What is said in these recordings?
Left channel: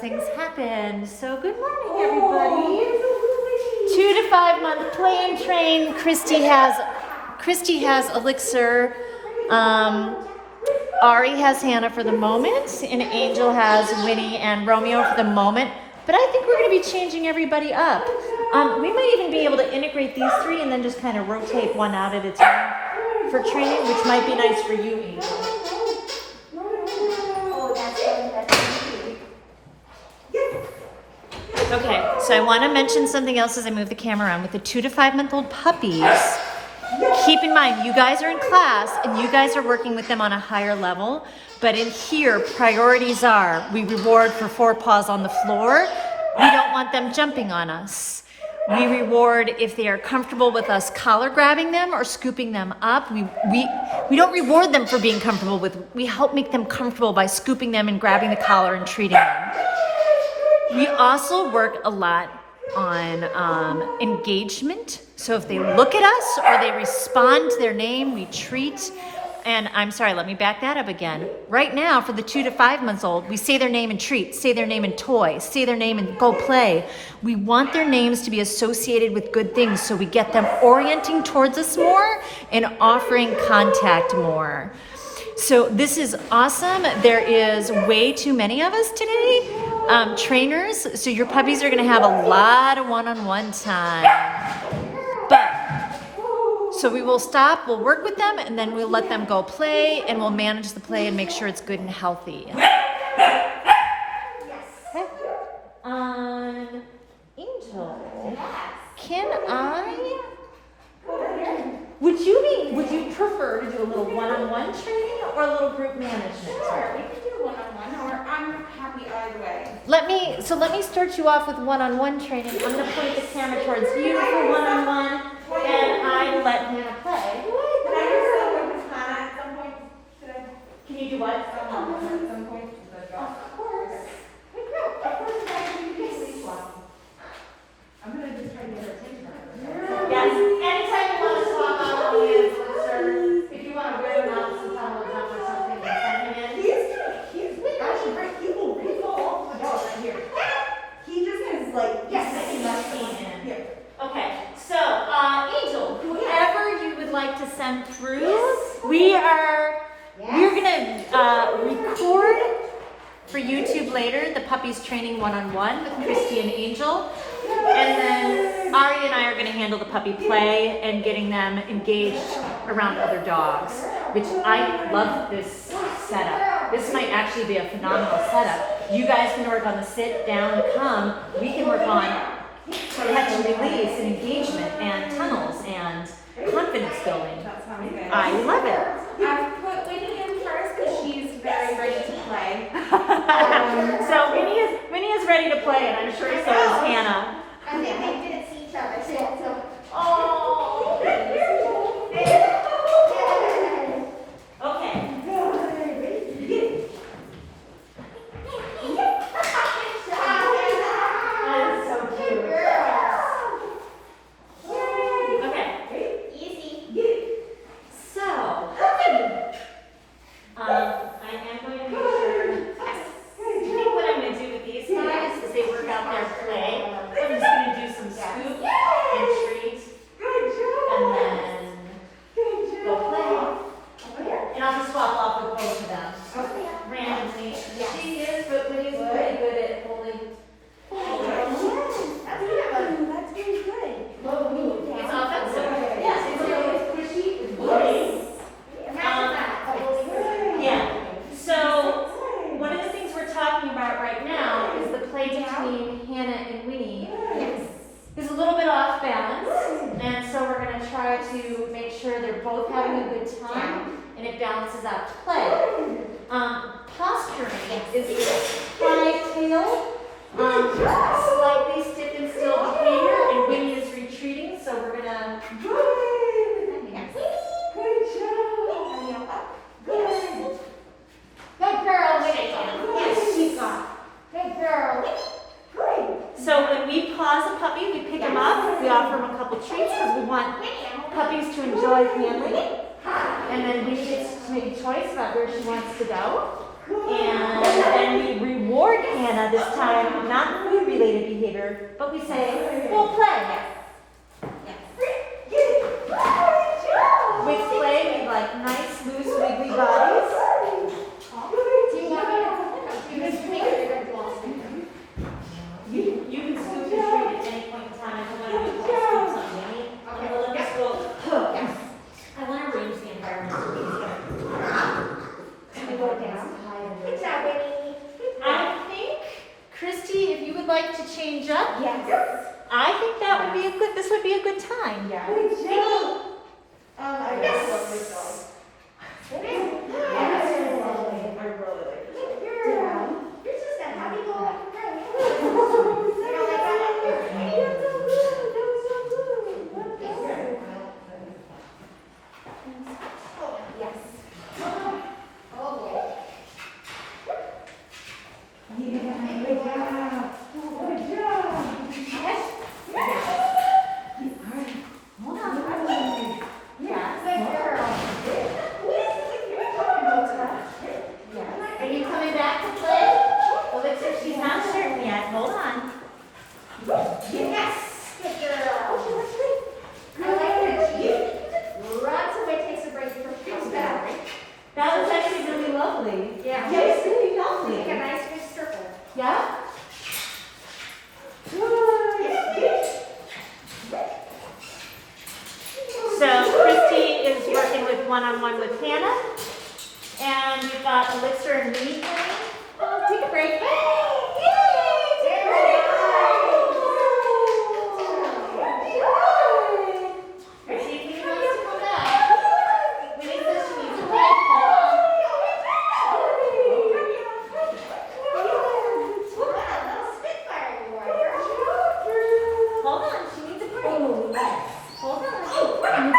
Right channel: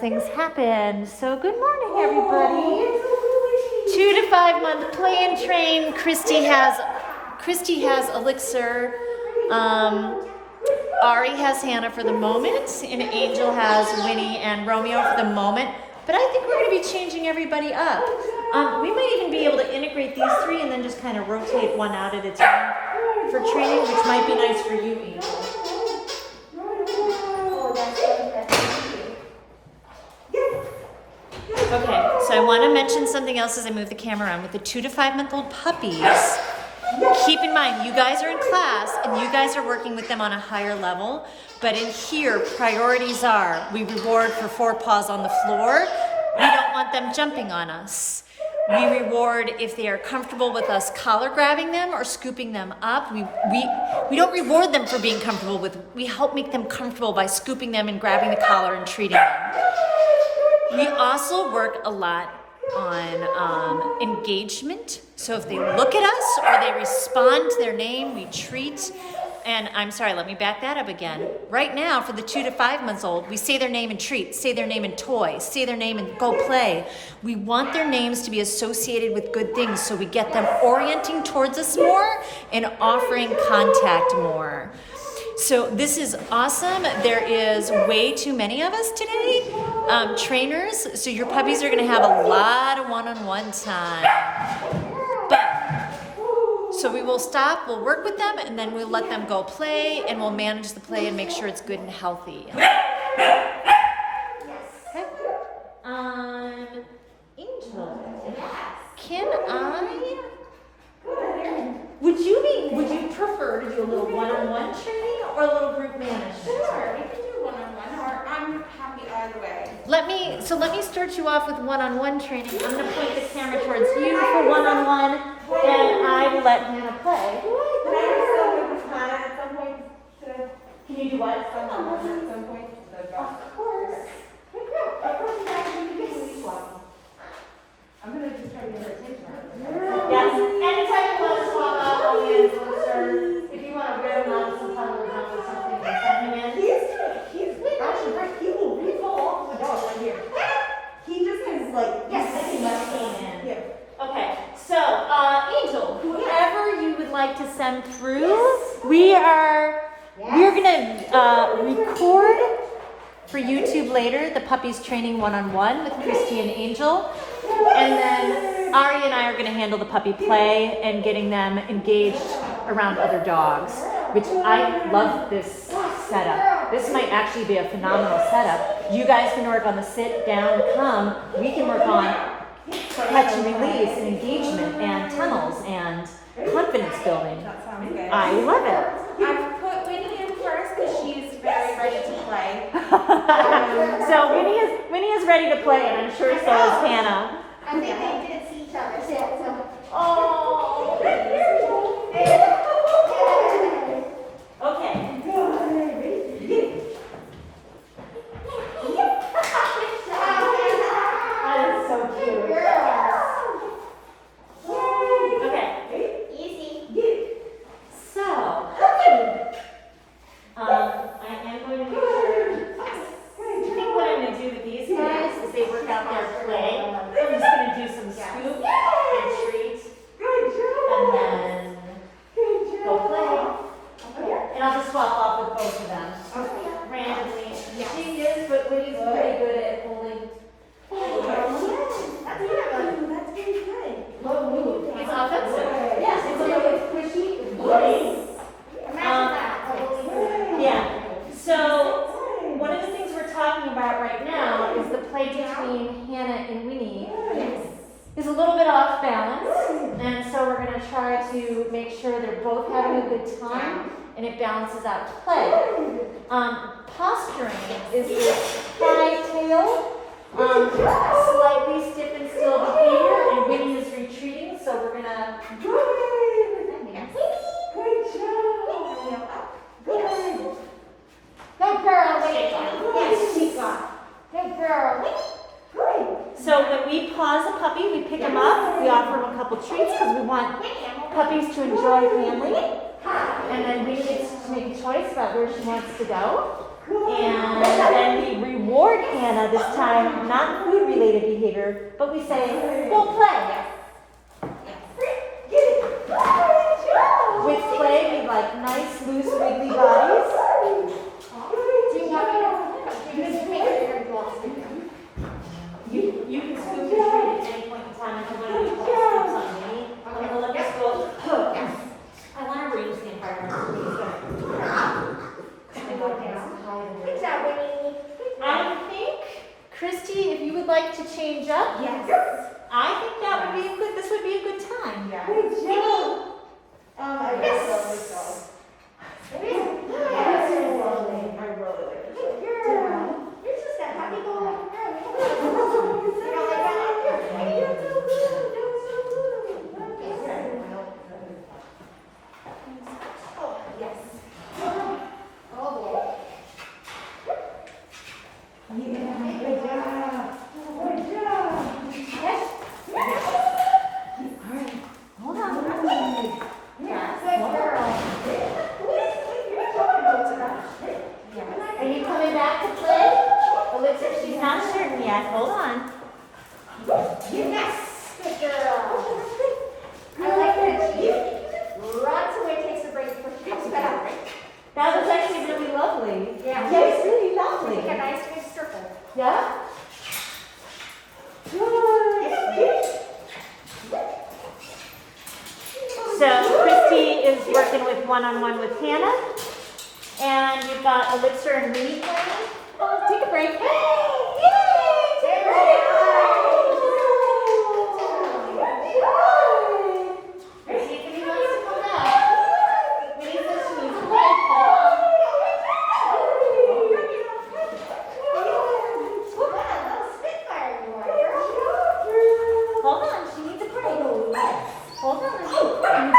Things happen. So good morning, everybody. 2 to 5 month play and train. Christy has Elixir. Ari has Hannah for the moment, and Angel has Winnie and Romeo for the moment. But I think we're going to be changing everybody up. We might even be able to integrate these three and then just kind of rotate one out at a time for training, which might be nice for you, Angel. Okay, so I want to mention something else as I move the camera around. With the 2 to 5 month old puppies, keep in mind, you guys are in class and you guys are working with them on a higher level. But in here, priorities are, we reward for 4 paws on the floor. We don't want them jumping on us. We reward if they are comfortable with us collar grabbing them or scooping them up. We don't reward them for being comfortable with, we help make them comfortable by scooping them and grabbing the collar and treating them. We also work a lot on engagement. So if they look at us or they respond to their name, we treat. And I'm sorry, let me back that up again. Right now, for the 2 to 5 months old, we say their name and treat, say their name and toy, say their name and go play. We want their names to be associated with good things, so we get them orienting towards us more and offering contact more. So this is awesome. There is way too many of us today, trainers. So your puppies are going to have a lot of one-on-one time. So we will stop, we'll work with them, and then we'll let them go play, and we'll manage the play and make sure it's good and healthy. Angel, would you prefer to do a little one-on-one training or a little group management? Sure, we can do one-on-one, or I'm happy either way. Let me start you off with one-on-one training. I'm going to point the camera towards you for one-on-one. And I let Hannah play. Can I do something with Hannah at some point? Can you do what? At some point? Of course. I'm going to just try to get her taste. Yes. Anytime you want to swap out the answer, if you want to wear them some towels up or something, send him in. He's actually great. He will fall off the door right here. He just is like, Yes. Yeah. Okay. So, Angel, whoever you would like to send through, we're gonna record for YouTube later the puppies training one-on-one with Christy and Angel, and then Ari and I are gonna handle the puppy play and getting them engaged around other dogs, which I love this setup. This might actually be a phenomenal setup. You guys can work on the sit, down, come. We can work on catch and release and engagement and tunnels and confidence building. That sounds good. I love it. I put Winnie in first because she's very ready to play. So Winnie is ready to play, and I'm sure so is Hannah. And they didn't see each other, so. Oh. Okay. And it balances out to play. Posturing is this high tail, slightly stiff and still behavior, and Winnie is retreating, so we're gonna. Good job. Good girl, yes, she's gone. Good girl. So when we pause a puppy, we pick him up, we offer him a couple treats because we want puppies to enjoy family. And then Winnie gets to make a choice about where she wants to go. And then we reward reward Hannah this time, not food-related behavior, but we say, go play. With play, we like nice, loose, wiggly bodies. You can scoop your treat at any point in time, and nobody will scoop something. And the Olympus will, I want to reduce the environment. I think, Christy, if you would like to change up, Yes. I think that would be a good, this would be a good time. Yeah. Yes. Are you coming back to play? Elixir, she's not certain yet. Hold on. Yes. Good girl. I like that she runs away, takes a break, comes back. That was actually really lovely. Yeah. Yes, really Make a lovely. nice big circle. Yeah? So Christy is working with one-on-one with Hannah. And we've got Elixir and Minnie playing. Oh, take a break. Christy, if you want to come back. Minnie says she needs a break. Hold on, she needs a break. Hold on. Hold on.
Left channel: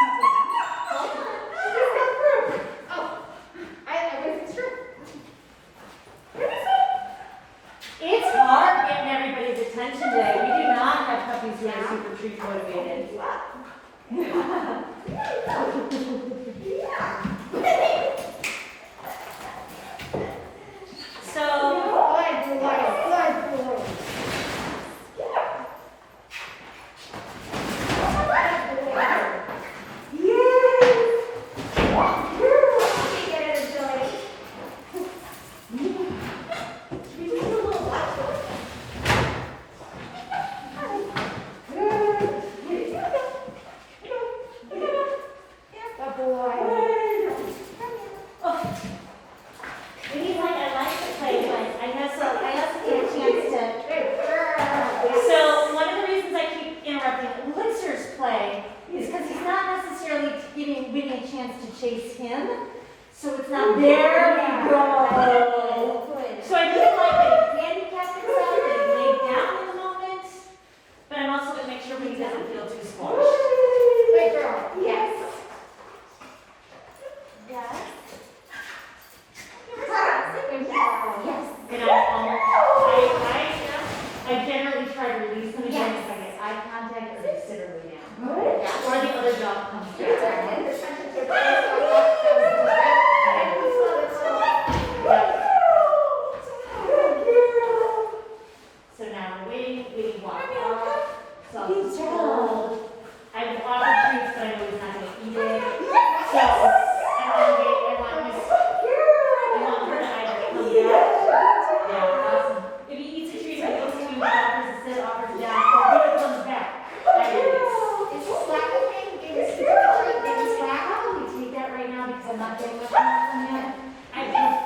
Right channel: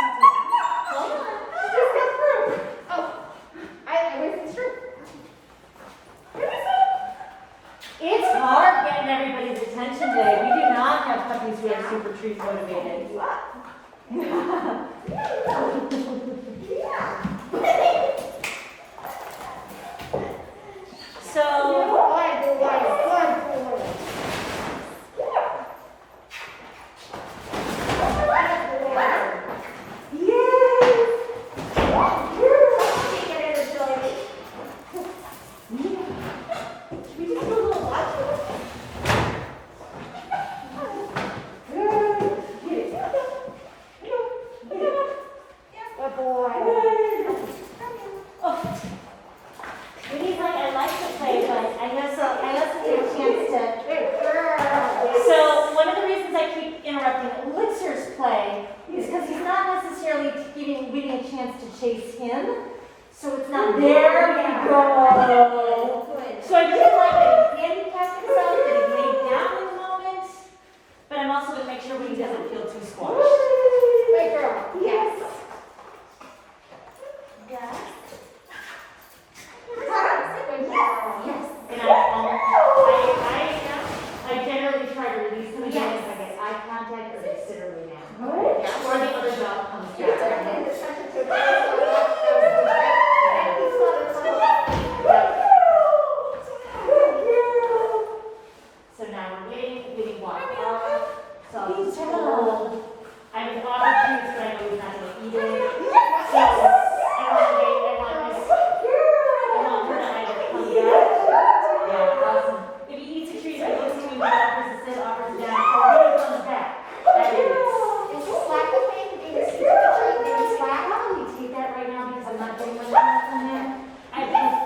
It's hard getting everybody's attention today. We do not have puppies who are super treat motivated. So one of the reasons I keep interrupting Elixir's play is because he's not necessarily getting a chance to chase him. So it's not there we go. So I really like that he handicapped himself, that he laid down in the moment, but I'm also going to make sure he doesn't feel too squashed. Good girl. Yes. Yes. Yes. And I generally try to release him again if I get eye contact or they sit or lay down. Or the other dog comes down. So now I'm waiting, walk off. So I'll just hold. I've offered treats, but I know he's not going to eat it. So I want her to either come back. Yeah, awesome. If he eats a treat, I go to him, offers to sit, offers down, or he comes back. Is slap the thing? Is it slap? We take that right now because I'm not getting much from him. I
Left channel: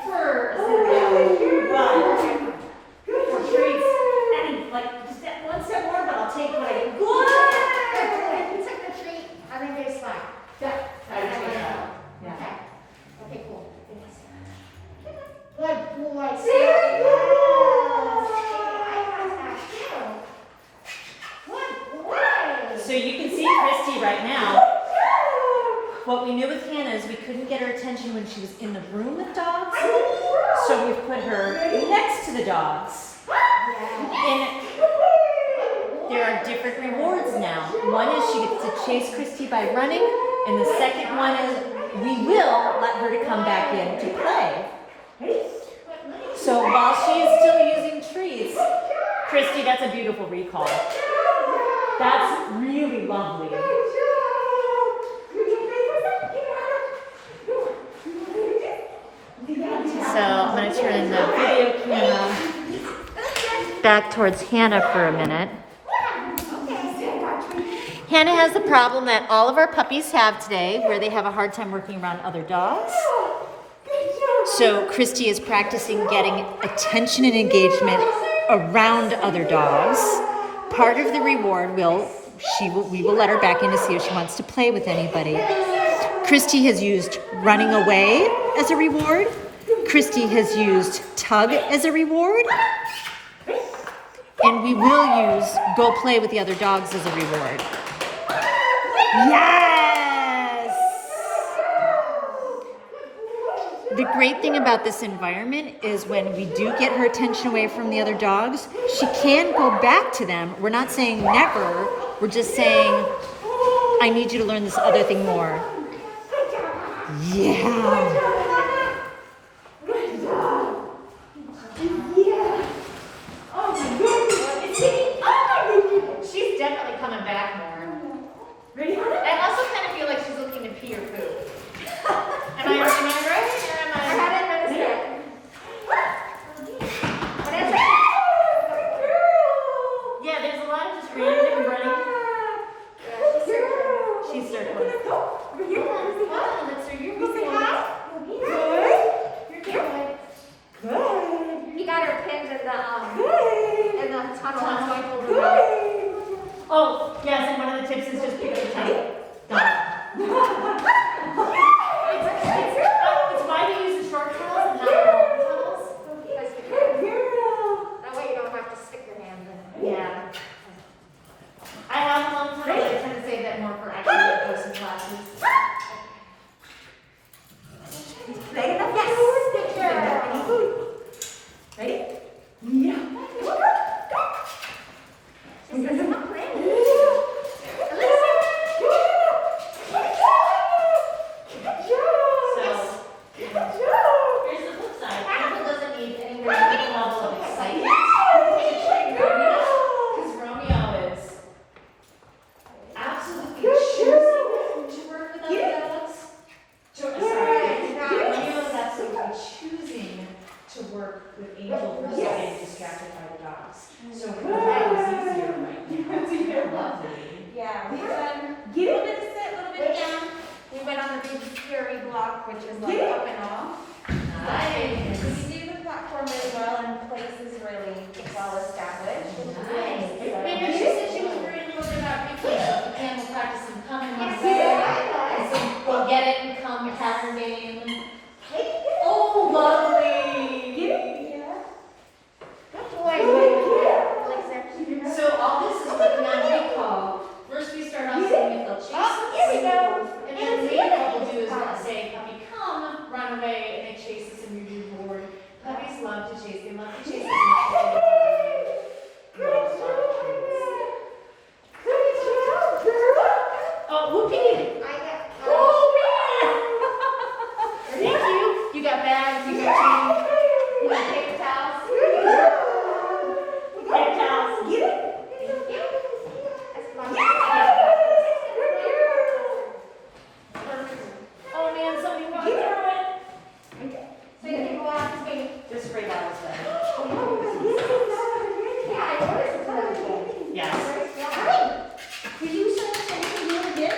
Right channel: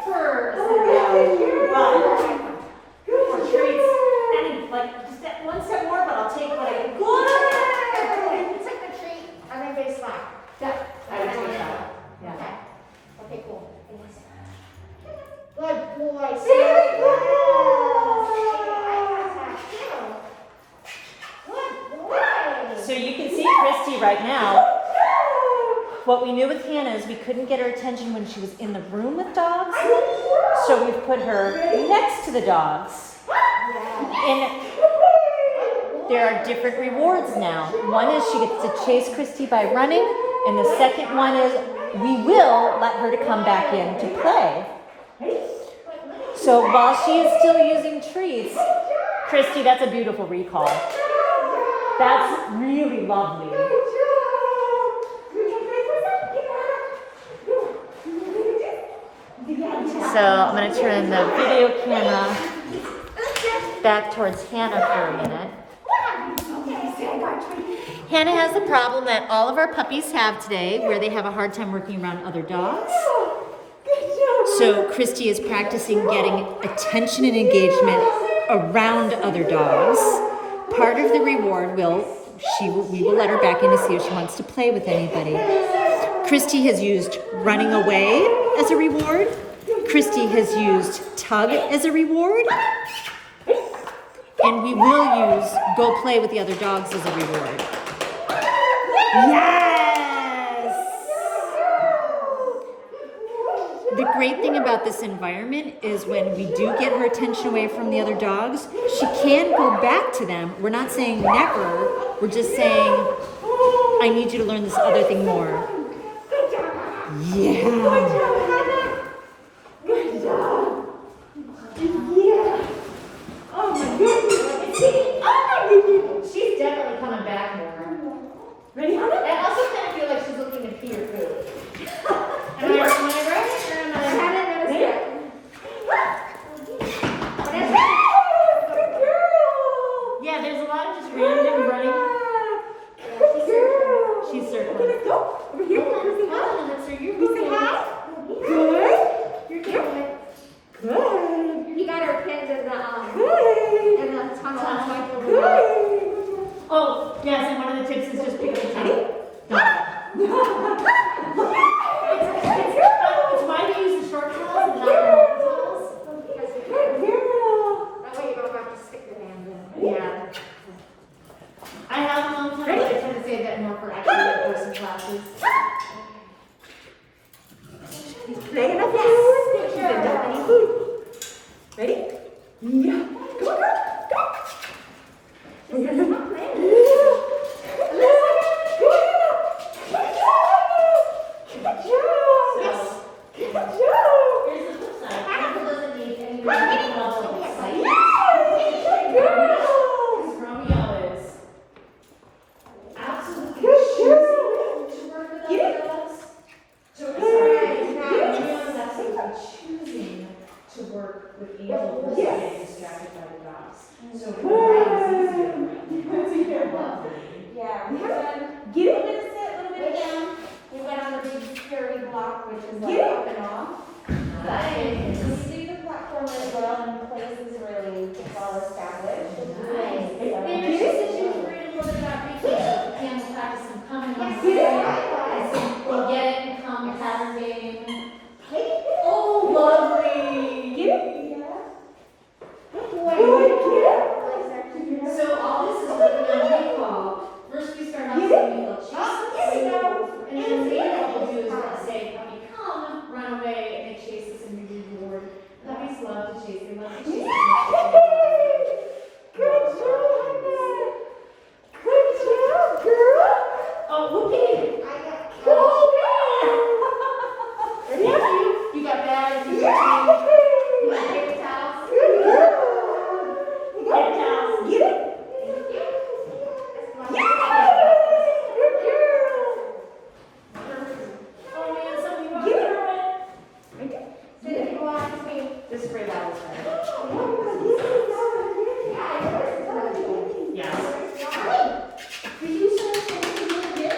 prefer a sit down, but for treats, I mean, like, just that one step more, but I'll take what I get. If you took the treat, I think they slap. Yeah. I would take that. Yeah. Okay. Okay, cool. Good boy. Very good. Good boy. So you can see Christy right now. What we knew with Hannah is we couldn't get her attention when she was in the room with dogs. So we've put her next to the dogs. And there are different rewards now. One is she gets to chase Christy by running, and the second one is we will let her to come back in to play. So while she is still using treats, Christy, that's a beautiful recall. That's really lovely. So I'm going to turn the video camera back towards Hannah for a minute. Hannah has the problem that all of our puppies have today, where they have a hard time working around other dogs. So Christy is practicing getting attention and engagement around other dogs. Part of the reward we will let her back in to see if she wants to play with anybody. Christy has used running away as a reward. Christy has used tug as a reward. And we will use go play with the other dogs as a reward. Yes! The great thing about this environment is when we do get her attention away from the other dogs, she can go back to them. We're not saying never, we're just saying, I need you to learn this other thing more. Yeah. Good job. Yeah. Oh my goodness. Oh my goodness. She's definitely coming back more. Ready, Hannah? I also kind of feel like she's looking to pee or food. Am I right? Or am I? Good girl. Yeah, there's a lot of just random running. Good girl. She's circling. Okay, let's go. Over here. Let's say hi. Let's see your You say hi. Good. You're good. Good. You got her pinned in the Good. tunnel. Good. Oh, yes, and one of the tips is just pick your tongue. It's why we use the short tails and not the long tails. Good girl. That way you don't have to stick your hand in. Yeah. I have long tails, but I tend to save that more for actually in-person classes. He's playing enough Yes. food. Good He's girl. enough food. Ready? Yeah. Come on, girl. Go. She's not playing. Here's the flip side. Apple doesn't need any level of excitement. Because Romeo is absolutely choosing to work with other dogs. Romeo is absolutely choosing to work with Angel versus getting distracted by the dogs. So for that is easier right now. Lovely. Yeah, we went a Get little it. bit to sit, a little bit down. We went on the big scary block, which is Get like it. up and off. Nice. We do the platform as well, and place is really well established. Nice. Maybe she said she was reading a little bit about picking up the camel practice and coming on Yeah. we'll get it and come pattern game. Oh, Lovely. Get it. boy. So all this is working on recall. First we start off saying if they'll chase us. Here we go. And then later what we'll do is we'll say, puppy, come, run away, and they chase us and we move forward. Puppies love to chase. They love to chase. Good job. Good job, girl. Oh, whoopee. Thank you. You got bags, you got you got paper towels. Paper towels. Get it? Oh man, something wrong. This spray bottle's done. Yes. Did you send something you did?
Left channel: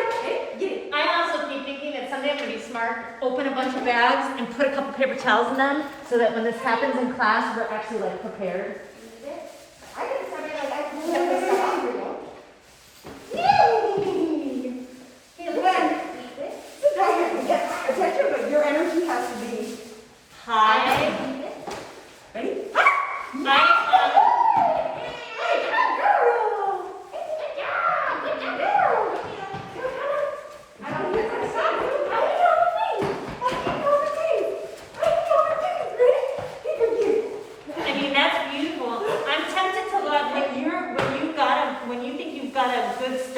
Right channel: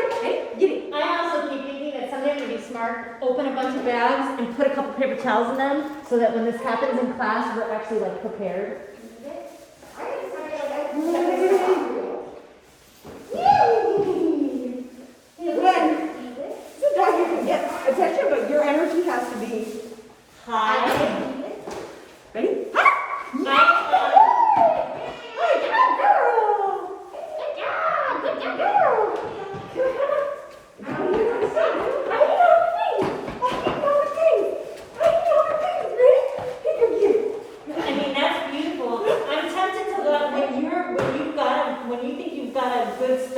I also keep thinking that someday I'm gonna be smart, open a bunch of bags and put a couple paper towels in them so that when this happens in class, we're actually like prepared. Sometimes you can get attention, but your energy has to be high. Ready? Ready?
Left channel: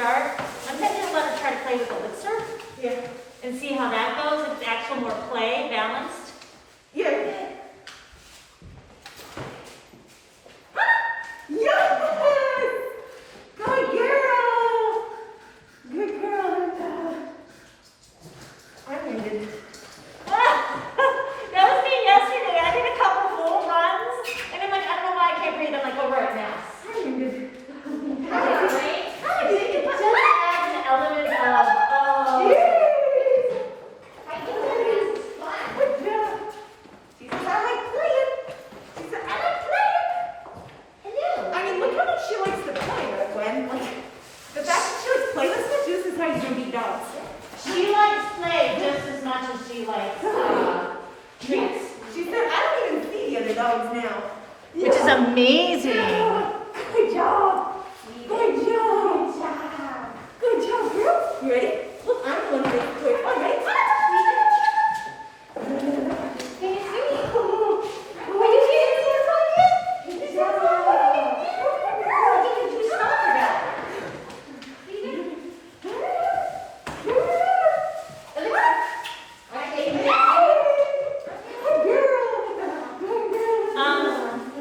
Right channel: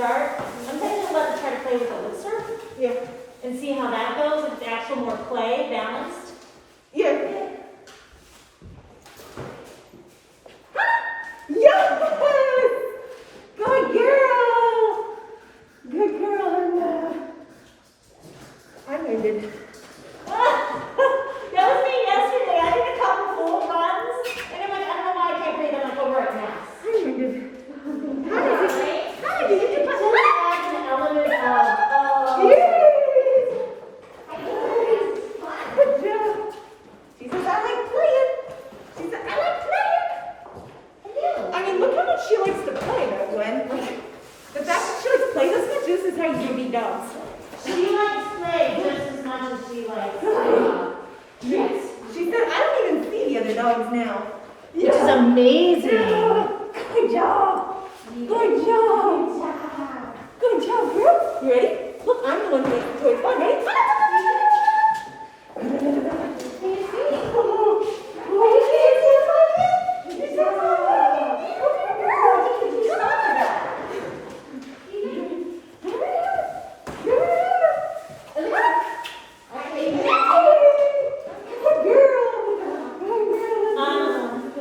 start. I'm going to let her try to play with Elixir Yeah. and see how that goes. If it's actual more play, balanced. Yeah. Yes! Good girl! Good girl, Linda. I'm ended. That was me yesterday. I did a couple full runs, and I'm like, I don't know why I can't breathe. I'm like, over at mass. I'm ended. How did it just adds an element of, oh. Yes! I think it's fun. Good job. She says, I like playing. She said, I like playing. Hello. I mean, look how much she likes to play, though, Gwen. Like, the fact that she likes to play this much, this is how you're gonna beat dogs. She likes play just as much as she likes treats. She said, I don't even see the other dogs now. Which is amazing. Yeah. Good job. Good job. Good job, girl. You ready? Look, I'm the one who makes the toy fun. Ready?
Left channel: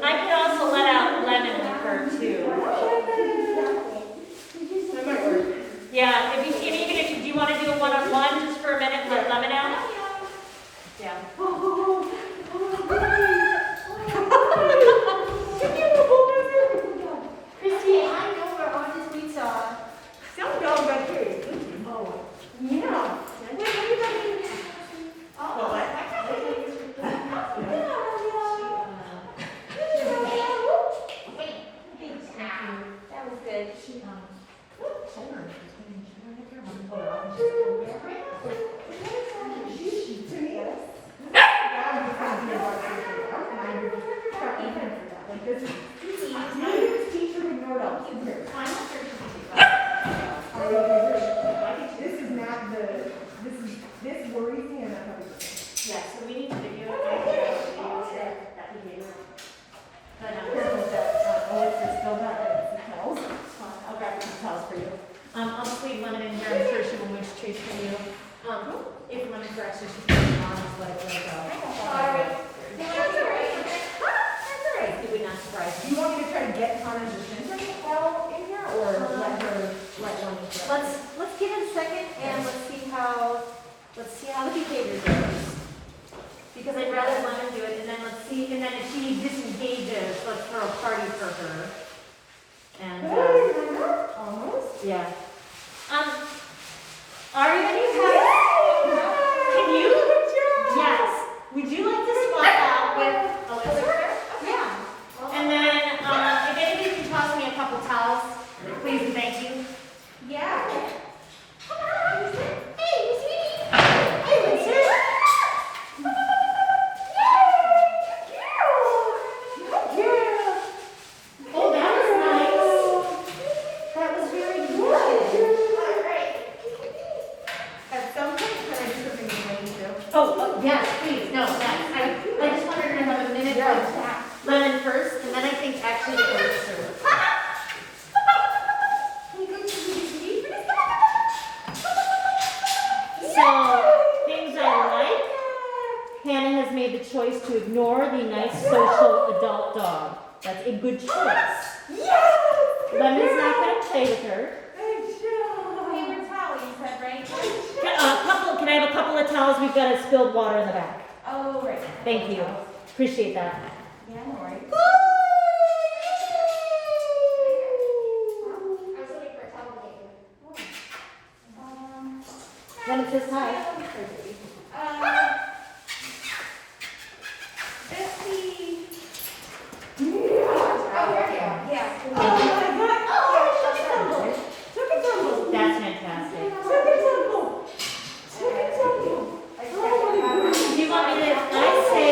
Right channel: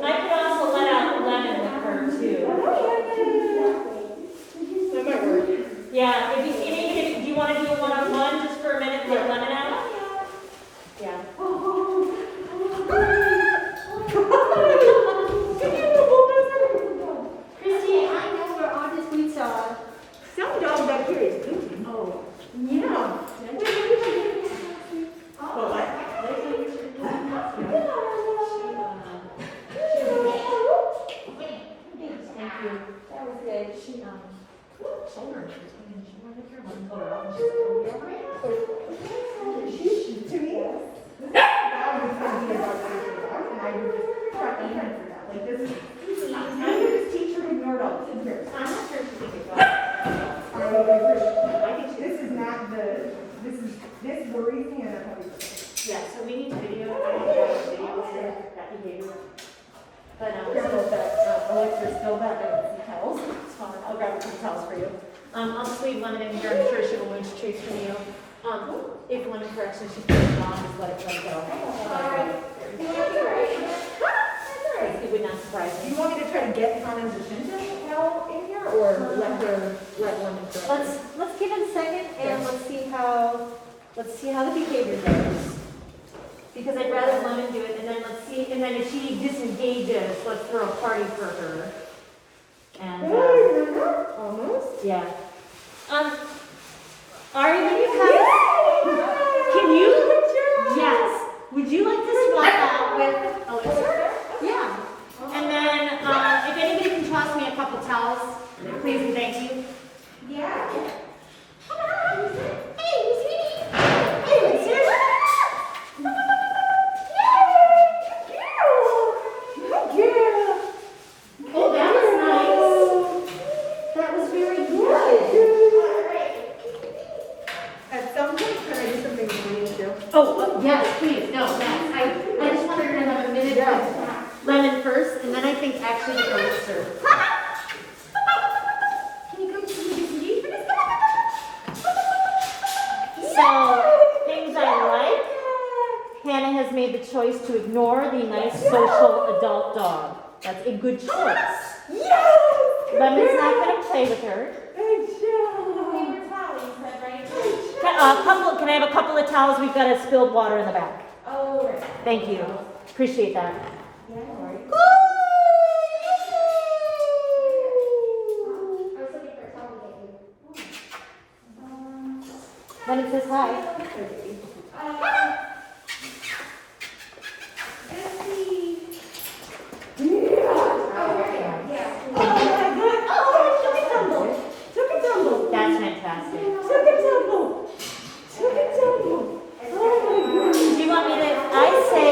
I could also let out Lemon with her too. That might work. Yeah, if you, and even if, do you want to do it one-on-one just for a minute, let Lemon out? Yeah. Christy, I know where all these meats are. Some dog back here is goofy. Oh. Yeah. Well, That was good. This worries me and I'm happy with it. Yeah, so we need video, I need video that behavior. But, Careful with that, Alexis, still got some towels. It's fine, I'll grab some towels for you. I'll just leave Lemon in here, I'm sure she will move treats for you. If Lemon corrects her, she's putting it on, just let it go. It would not surprise Do me. you want me to try to get Connor's attention while in here, or let Lemon do it? Let's give it a second and let's see how the behavior goes. Because I'd rather Lemon do it, and then let's see, and then if she disengages, let's throw a party for her. And, Almost. yeah. Ari, when you have, can you, yes, would you like to swap out with Elixir? Yeah. And then, if anybody can toss me a couple towels, please and thank you. Yeah. Oh, that was nice. That was very good. At some point, can I do something with Winnie too? Oh, yes, please, no, thanks. I just wanted to have a minute with Lemon first, and then I think actually with Elixir. So, things I like, Hannah has made the choice to ignore the nice social adult dog. That's a good choice. Yes! Lemon's not going to play with her. Good job. Paper towel, you said, right? Can I have a couple of towels? We've got a spilled water in the back. Oh, right. Thank you. Appreciate that. Yeah, all right. I was looking for a towel maybe. Lemon says hi. Yeah. Oh my God! Oh, took a tumble! Took a tumble! That's fantastic. Took a tumble! Took a tumble! Oh my goodness! Do you want me to, I say,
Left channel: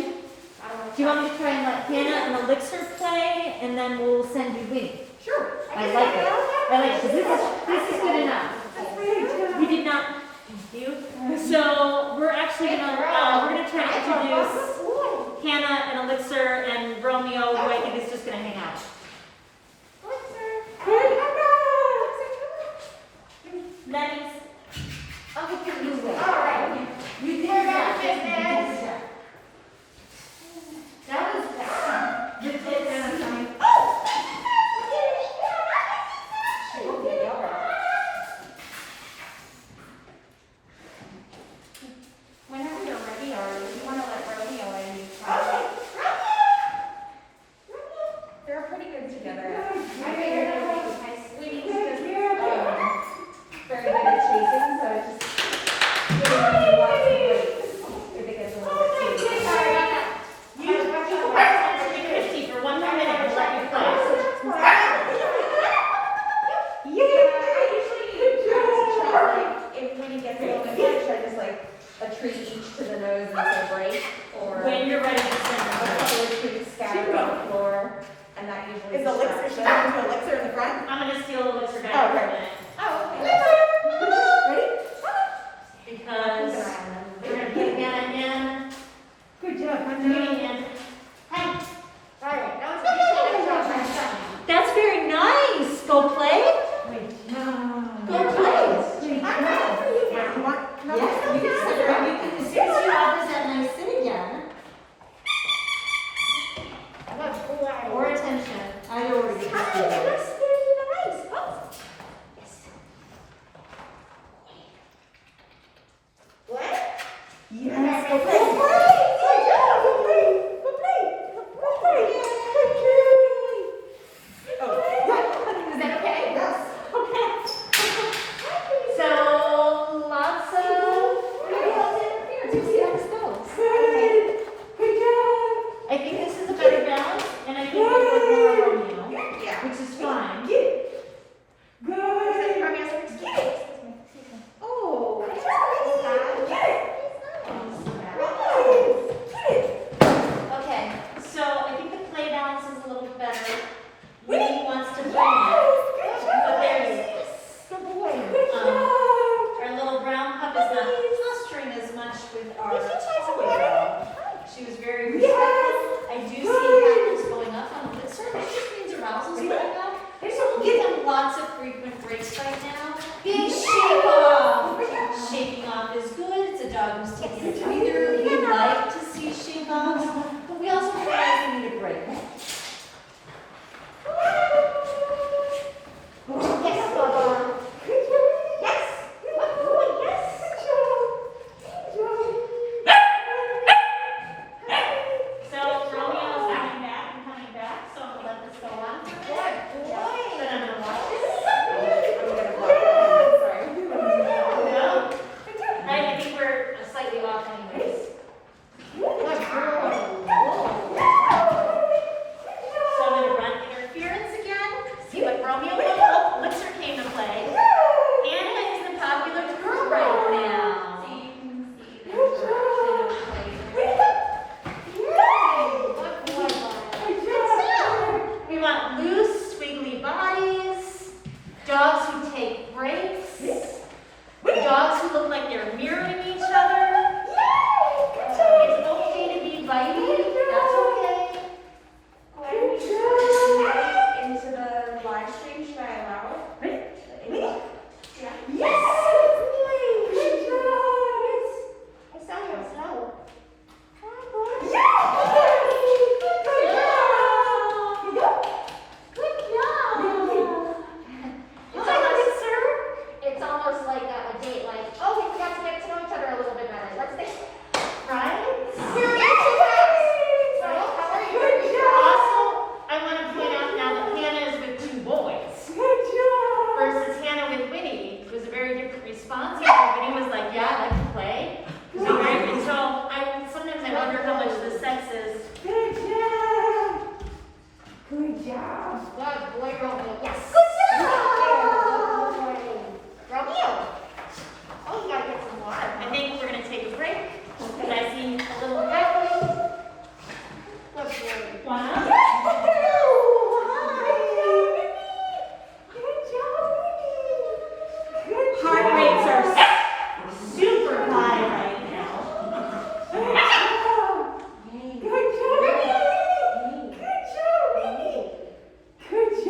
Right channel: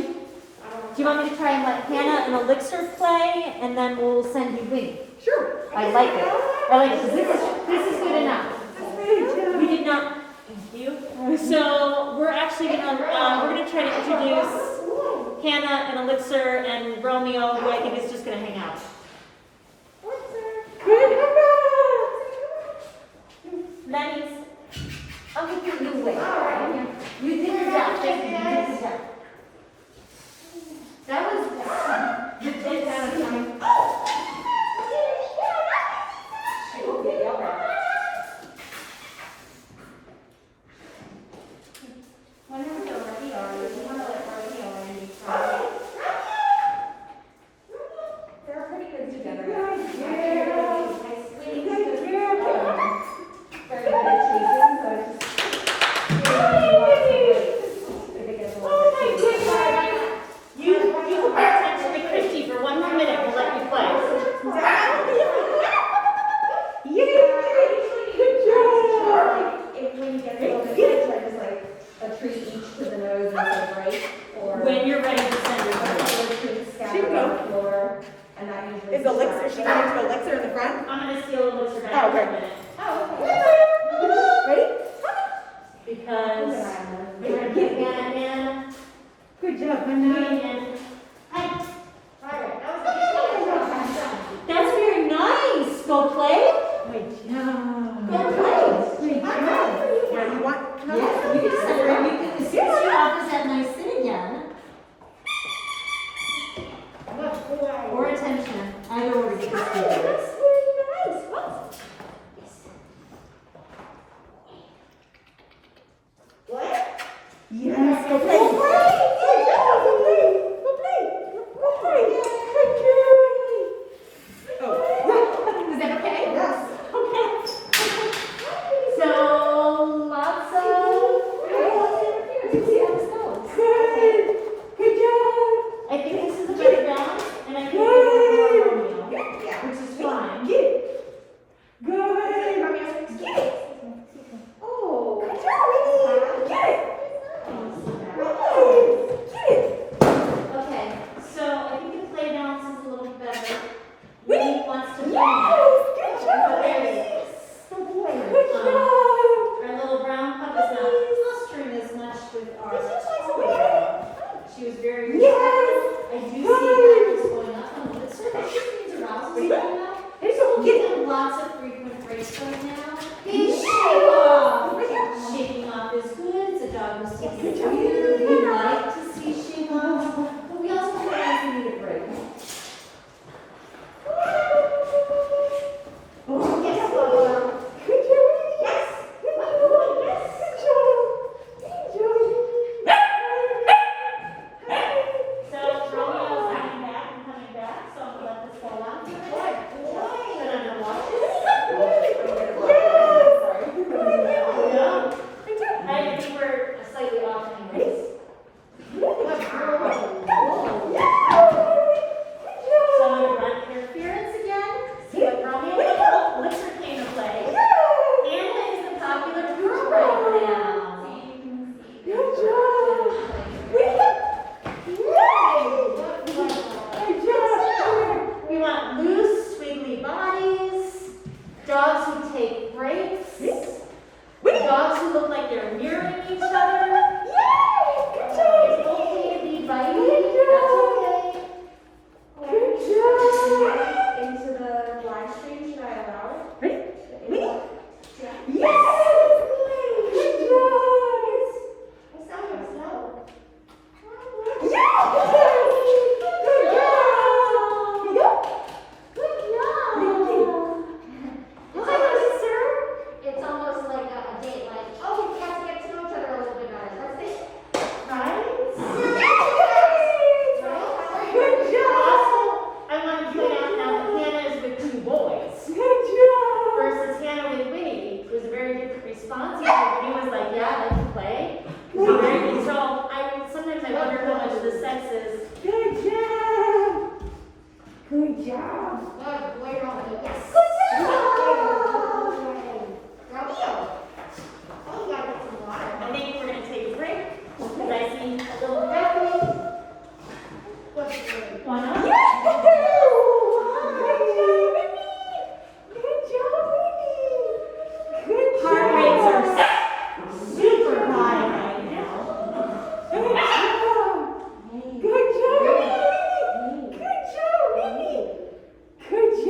do you want me to try and let Hannah and Elixir play, and then we'll send you Winnie? Sure. I like it. I like it, because this is good enough. We did not, thank you. So, we're actually gonna try to introduce Hannah and Elixir and Romeo, who I think is just gonna hang out. Good usually. Is Elixir, she's going to Elixir in the front? I'm gonna steal Elixir back Oh, for a okay. minute. Ready? Because we're gonna put Hannah in. Good job, Put honey. it in. Hey, that's very nice. Go play. Good job. Good play. Good job. You want? No? Yes, you can sit there. You can, as soon as you offers that nice sit again. Or attention. I know where to Yes, go play. Go play. Go play. Go play. Oh, Is that okay? Yes. okay. So, lots of. Good. Good job. I think this is a better balance, and I think it's more Romeo, Yeah. which is fine. Get it. Good. Oh, Good job, Winnie. Get it. Get it. Okay, so I think the play balance is a little better. Winnie. Winnie wants to play. Yes. Good job. But there's Good job. our little brown pup is not posturing as much with our. She was very respectful. Yes. I do see happiness going up on Elixir. She means arousal is going up. There's a Give them lots of frequent breaks right now. Big shake off. Shaking off is good. It's a dog who's taking a breather. We like to see shake offs, but we also recognize they need a break. So Romeo's coming back and coming back, so I'm gonna let this go on for a bit. Then I'm gonna watch this. Right, I think we're slightly off anyways. So I'm gonna run interference again, see what Romeo will. Elixir came to play. Anna is the popular girl right now. We want loose, squiggly bodies, dogs who take breaks, dogs who look like they're mirroring each other. It's okay to be biting, that's okay. Into the live stream, should I allow it? I sound like snow. It's almost like a date, like, oh, we got to get to know each other a little bit better. Let's think. Right? We're Also, I want to point out now that Hannah is with two boys versus Hannah with Winnie. It was a very different response. Winnie was like, yeah, I like to play. So sometimes I wonder how much the sex is. Good job. Good job. Good boy, Romeo. Yes. Romeo. Oh, you gotta get some water. I think we're going to take a break because I see a little happy. Good boy. Wow. Heart rates are super high right now. Good job.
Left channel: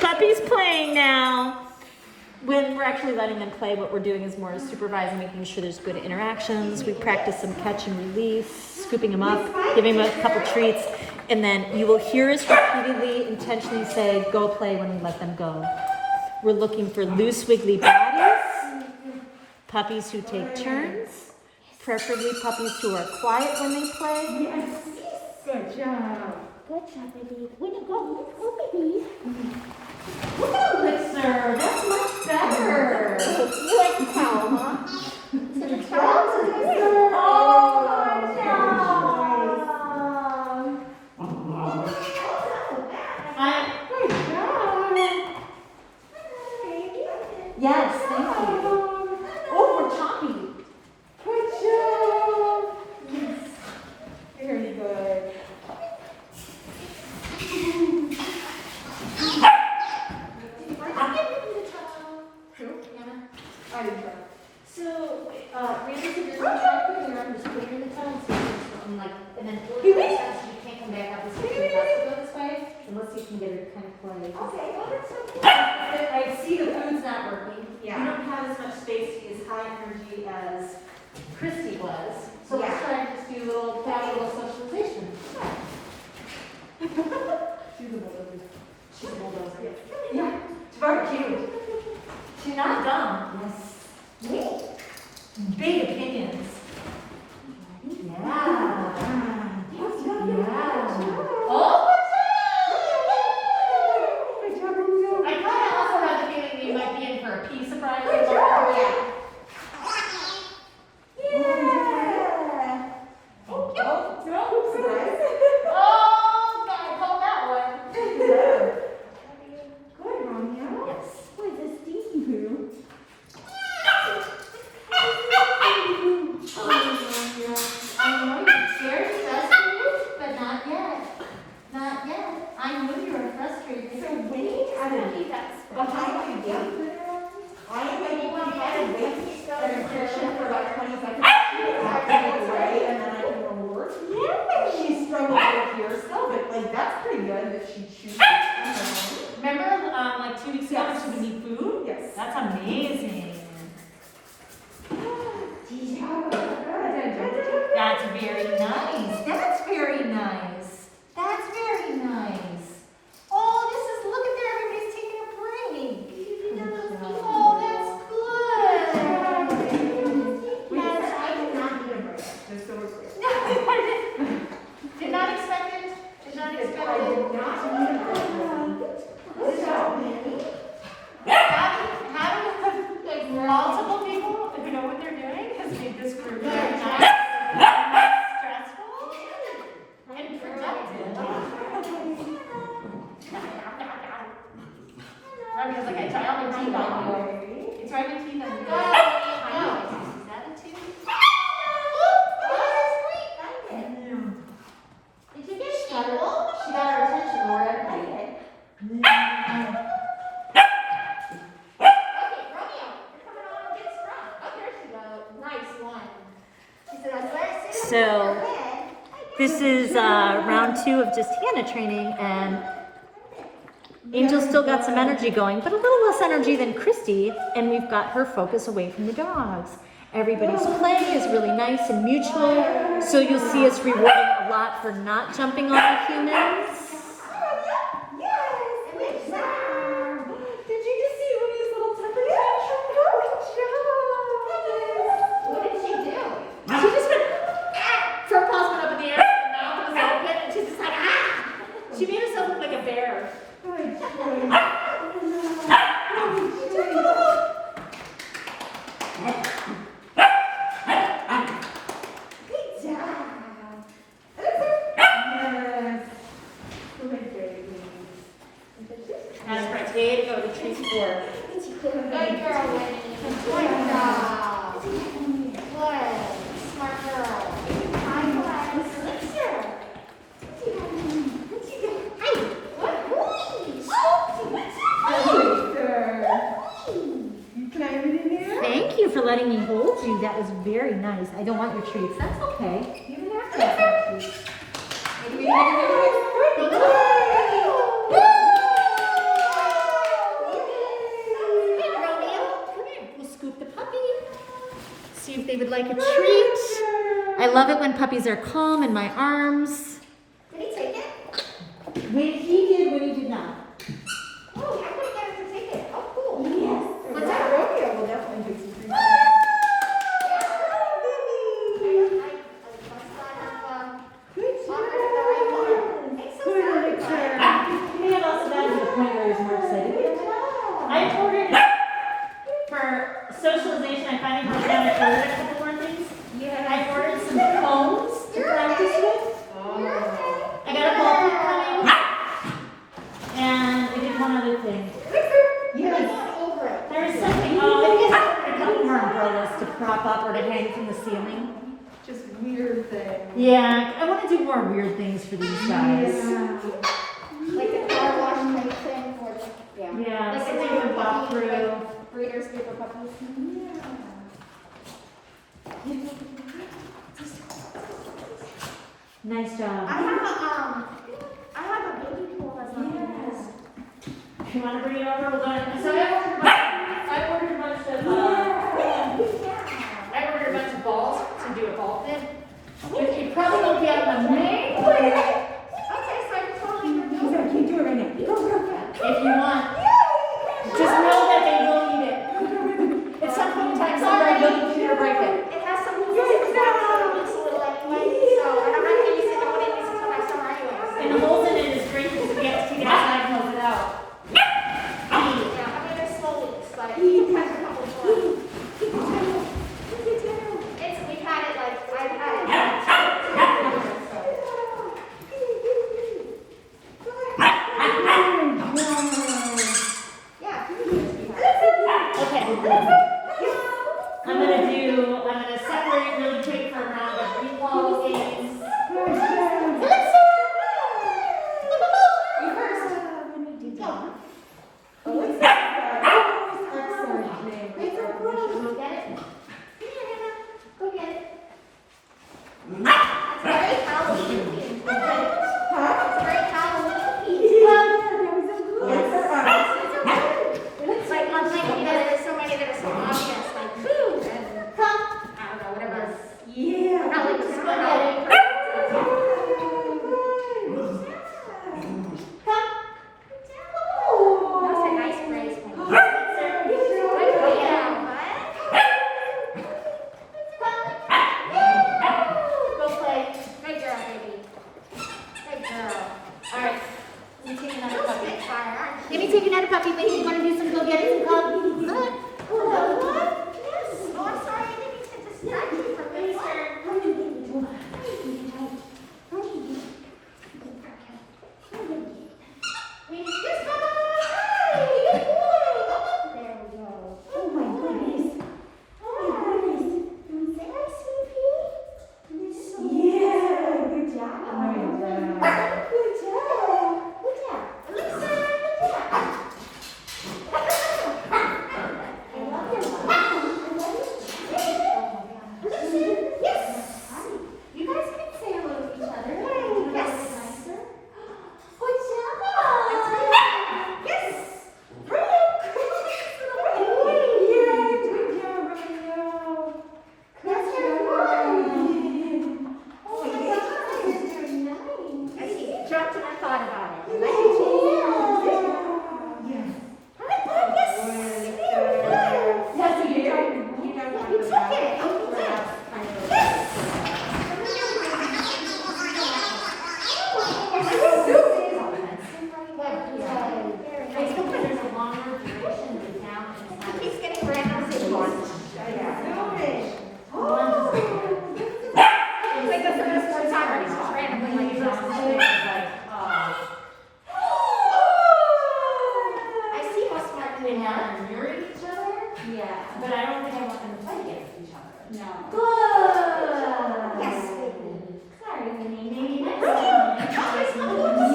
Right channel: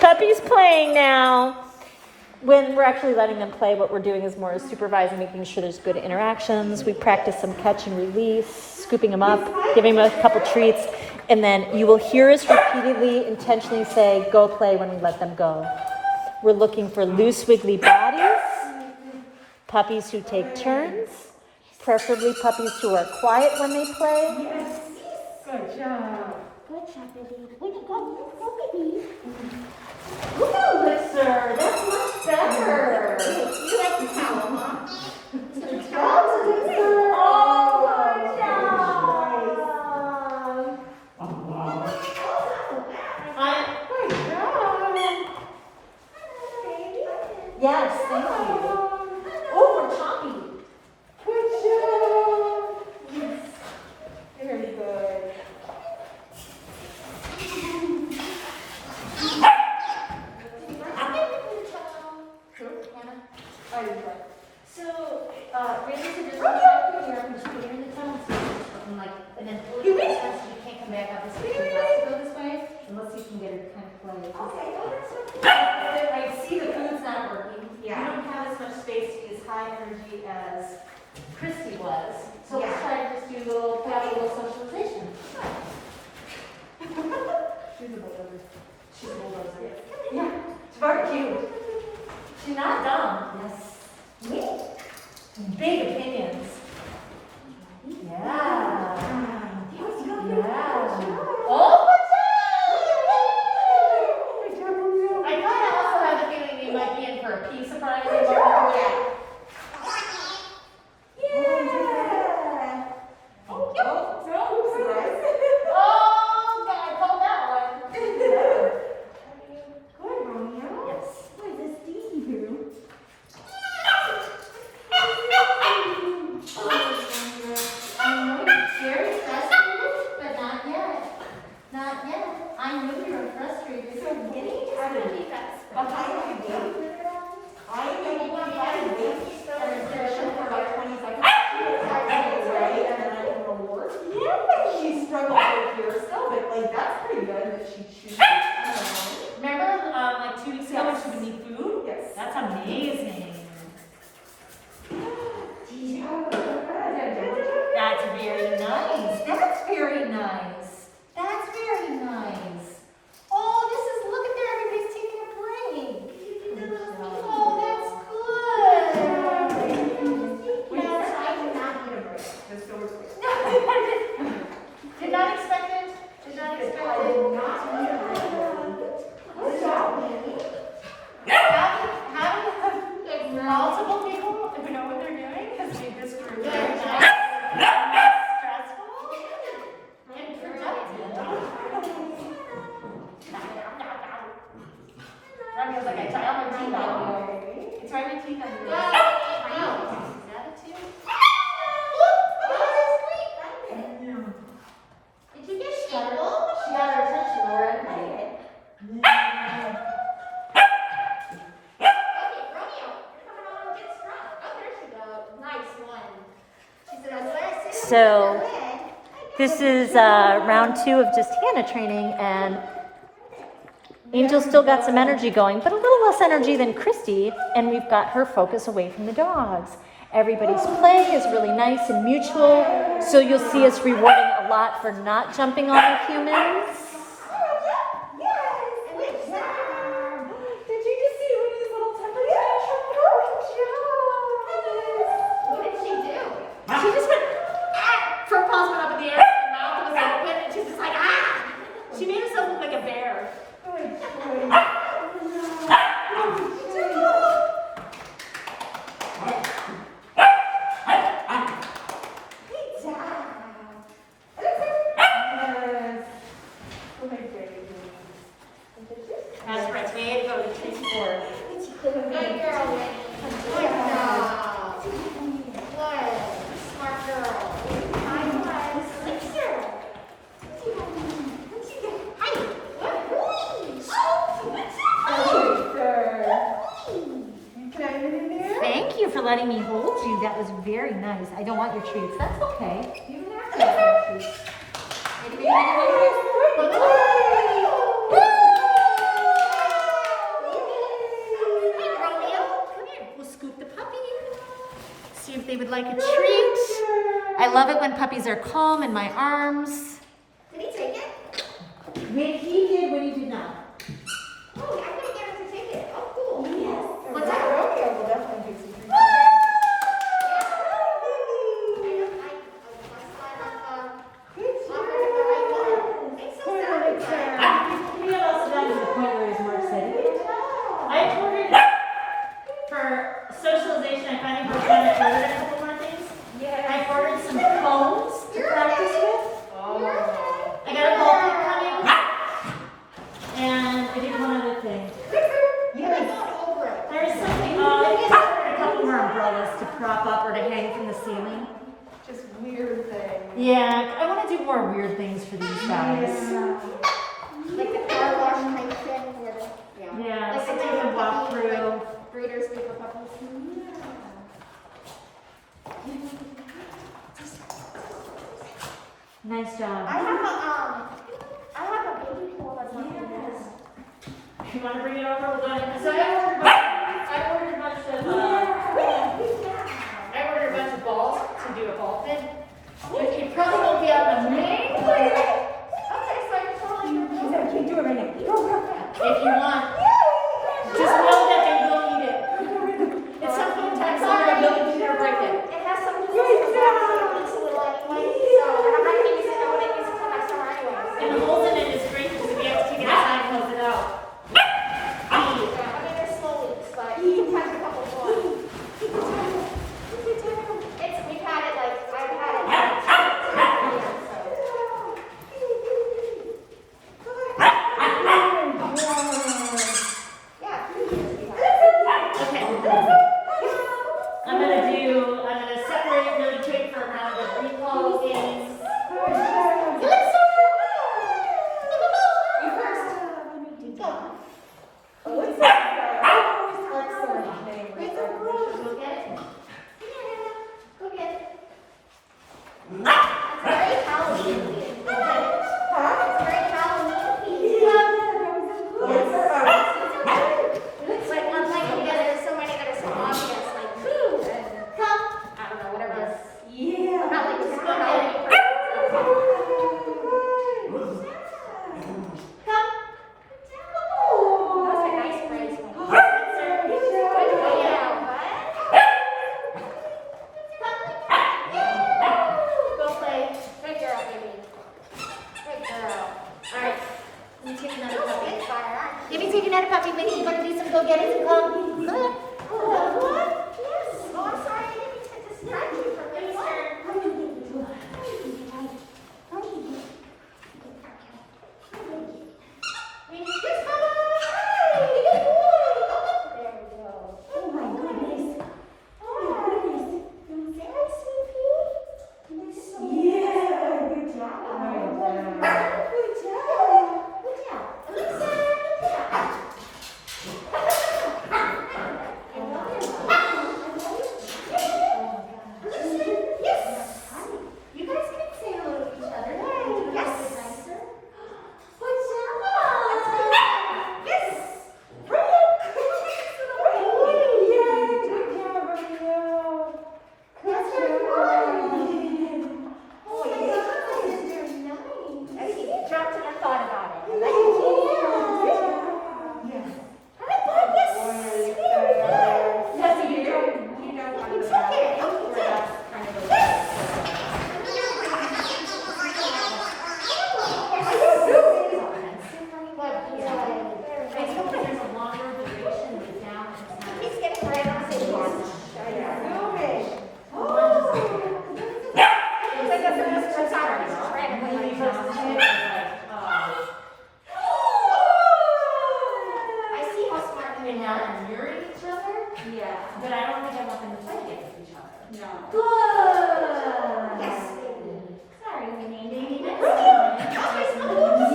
Puppy's playing now. When we're actually letting them play, what we're doing is more supervising, making sure there's good interactions. We practice some catch and release, scooping them up, giving them a couple treats, and then you will hear us repeatedly, intentionally say, go play when we let them go. We're looking for loose, wiggly bodies, puppies who take turns, preferably puppies who are quiet when they play. Yes. Good job. Good job, baby. Way to go. Let's go, baby. Woo, good sir. That's much better. You like the towel, huh? Is it a towel? Oh, good job. Good job. Yes, thank you. Oh, we're choppy. Good job. Yes. Very good. So, really, so there's one time where I'm just putting in the tunnel, so and like, and then you can't come back up this way, it has to go this way, and let's see if we can get it kind of playing. Okay, well, that's okay. I see the food's not working. Yeah. You don't have as much space to use high energy as Christy was. So let's Yeah. try to just do a little socialization. She's a bulldozer. She's a bulldozer. Yeah. It's very cute. She's not dumb. Yes. Big opinions. Yeah. Yeah. Oh, I kind of also have the feeling that you might be in for a pea surprise. Yeah. Yeah. Oh, Oh, surprise. Oh, I called that one. Good, Romeo. Yes. What is this do? I know you're very frustrated, but not yet. Not yet. I know you're frustrated. So wait, behind you, Dave. I like you want to wait restriction for about 20 seconds. Right, and then I can reward. Yeah. She struggled with here still, but like that's pretty good if she chooses. Remember, like 2 weeks ago, when she would need food? Yes. That's amazing. That's very nice. That's very nice. That's very nice. Oh, this is, look at there, everybody's taking a break. Oh, that's good. Yes, I did not need a break. Just so we're clear. Did not expect it. Did not expect I it. did not need a break. Good job, Mandy. Having like multiple people who know what they're doing has made this group very nice, stressful, and productive. Robbie was like, I try all my teeth on you. I try my teeth on you. Is that it too? Did you get stubble? She got our attention, Laura. Okay. Okay, Romeo, you're coming on to get strong. Oh, there she goes. Nice one. She said, I was last sitting So, on her head. This is round 2 of just Hannah training, and Angel's still got some energy going, but a little less energy than Christy, and we've got her focus away from the dogs. Everybody's play is really nice and mutual, so you'll see us rewarding a lot for not jumping on the humans. Yes, good job. Did you just see Wendy's little temper tantrum? What did she do? She just went, ah! Front paws went up in the air, her mouth was open, and she's just like, ah! She made herself look like a bear. Good job. Good job. Yes. Good, great. As for today, go to Tracy Ford. Good girl, Mandy. Good job. Good. Smart girl. I was. Let's hear her. Hi. Can I have it in there? Thank you for letting me hold you. That was very nice. I don't want your treats. That's okay. You don't have to have your treats. think they would like a treat. I love it when puppies are calm in my arms. Did he take it? When he did, when he did not. Oh, I'm gonna get him to take it. Oh, cool. Yes. What's that? Rodeo will definitely do some. We have also gotten to the point where he's more excited. I ordered for socialization. I finally programmed it earlier a couple more things. I ordered some cones to practice with. I got a ball pit coming, and I did one other thing. There was something. I ordered a couple more umbrellas to prop up or to hang from the ceiling. Just weird thing. Yeah, I want to do more weird things for these guys. Like the car wash type thing where the, yeah. Yeah, Like something the to walk puppy, through. like breeders sleep for puppies. Nice I job. have a baby pool that's like this. You want to bring it over? We'll go ahead. So I ordered a bunch of. I ordered a bunch of balls to do a ball pit. But you probably won't be on the main plate. Okay, so I totally Keep doing it right now. If you want, just know that they will eat it. At some point in time, somebody will eat it or break it. It has some pieces that looks a little like white, so I'm not gonna use it on it because it has some anyways. And the holes in it is great because if you have to take it outside and close it out. I mean, there's small leaks, but you can catch a couple of ones. It's, we had it like, I've had it. Yeah. Okay. I'm gonna separate really quick for a round of recall games. You first. Go get it. Go get it. That's very Halloween. It's very Halloween. It's like one thing that there's so many that are so obvious. Like, come. I don't know, whatever. Yeah. Probably just go get it. Come. That's a nice phrase. Oh, yeah. Go play. Good girl, baby. Good girl. All right. You take another puppy. Let me take another puppy. Maybe you want to do some go-getters? Come. Look. What? Yes. Oh, I'm sorry. I didn't mean to distract you from this. We need this one. There we go. Oh my goodness. Oh my goodness. Say hi, CP. You're so Yeah, good job. Good job. Good job. Good job. Yes. You guys can say hello to each other. Yes. Good job. Yes. That's very good. Oh my God, that's very nice. I see. Dropped and I thought about it. I like it. Hi, Bob. Yes. Very good. Was it you? Yeah, you took it. Oh, you did. I still think there's a longer duration of the down and the He's getting right on the board. It's like that's the best time. It's just randomly like I see how smart you are. and mirror each other, Yeah. but I don't think I want them to play against each other. No. Good. Yes, baby. Sorry, Winnie. Maybe next Okay. time. Okay, so let's-